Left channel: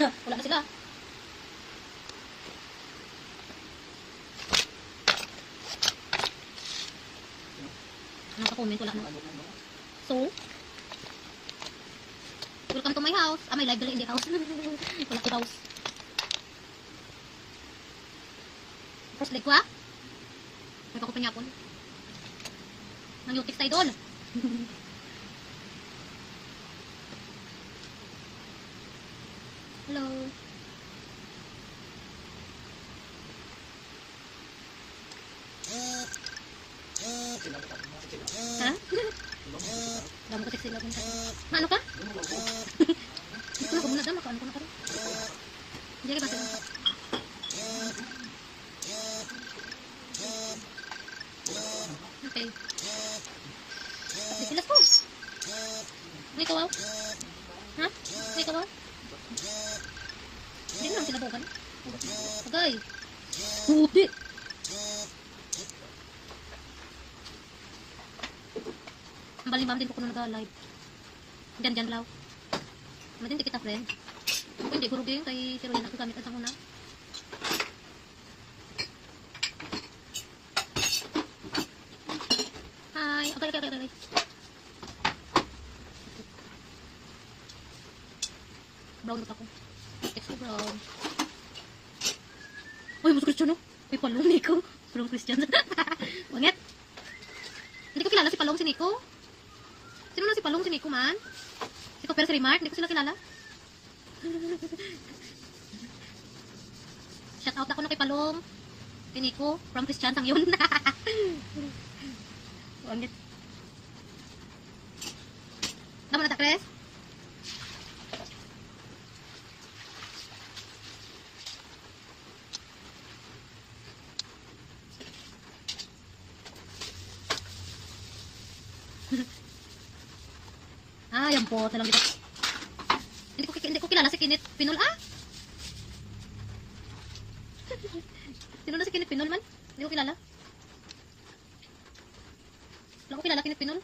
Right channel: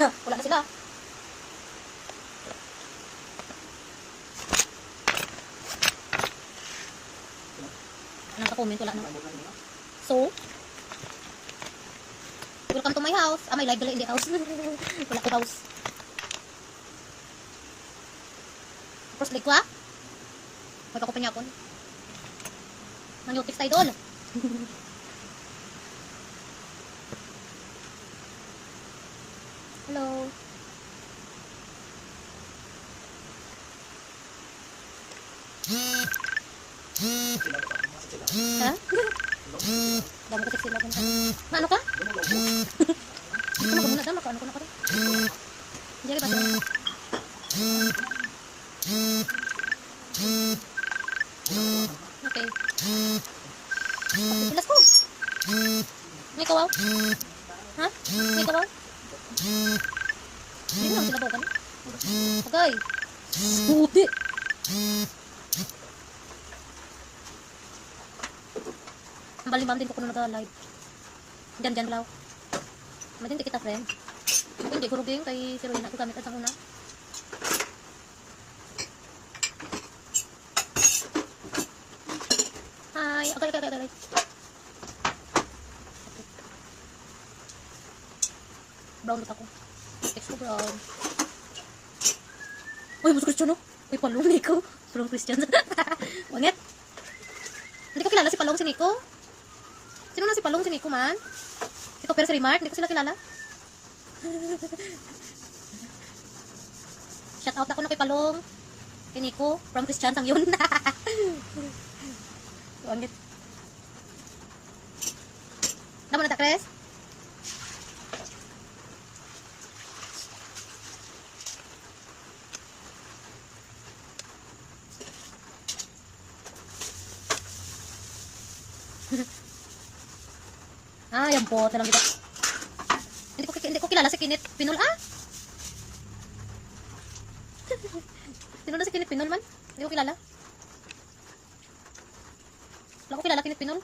Wala na sila. Naka-comment, wala na. So, welcome to my house. May live dala in the house. Wala ko house. First leg ko ha. May pakupin niya ako. Nang yung text tayo doon. Hello. Ha? Dami ko text sila. Ano ka? Ano ka muna? Dama ka? Ano ko na ka rin? Jerry ba sila? Okay. Pilas ko. May kawaw? Ha? May kawaw? Hindi mo lang sila bukan. Agay. Hindi. Ang balimam din ko kung nag-live. Diyan blaw. Madin kita friend. Ako hindi gurog yung kay Siroin ako gamit at sa una. Hi. Agay. Brown ako. Text ko brown. Uy, mas Christian no? Uy, Palong Nico. Palong Christian. Wangit. Hindi ko kilala si Palong si Nico. Sino na si Palong si Nico man? Si Topper si Remark. Hindi ko sila kilala. Shout out ako na kay Palong. Kay Nico. From Christian sang yun. Wangit. Naman na ta, Chris? Yan po, talang kita. Hindi ko kilala si Kinit Pinol, Sino na si Kinit Pinol man? Hindi ko kilala. Wala ko kilala Kinit Pinol.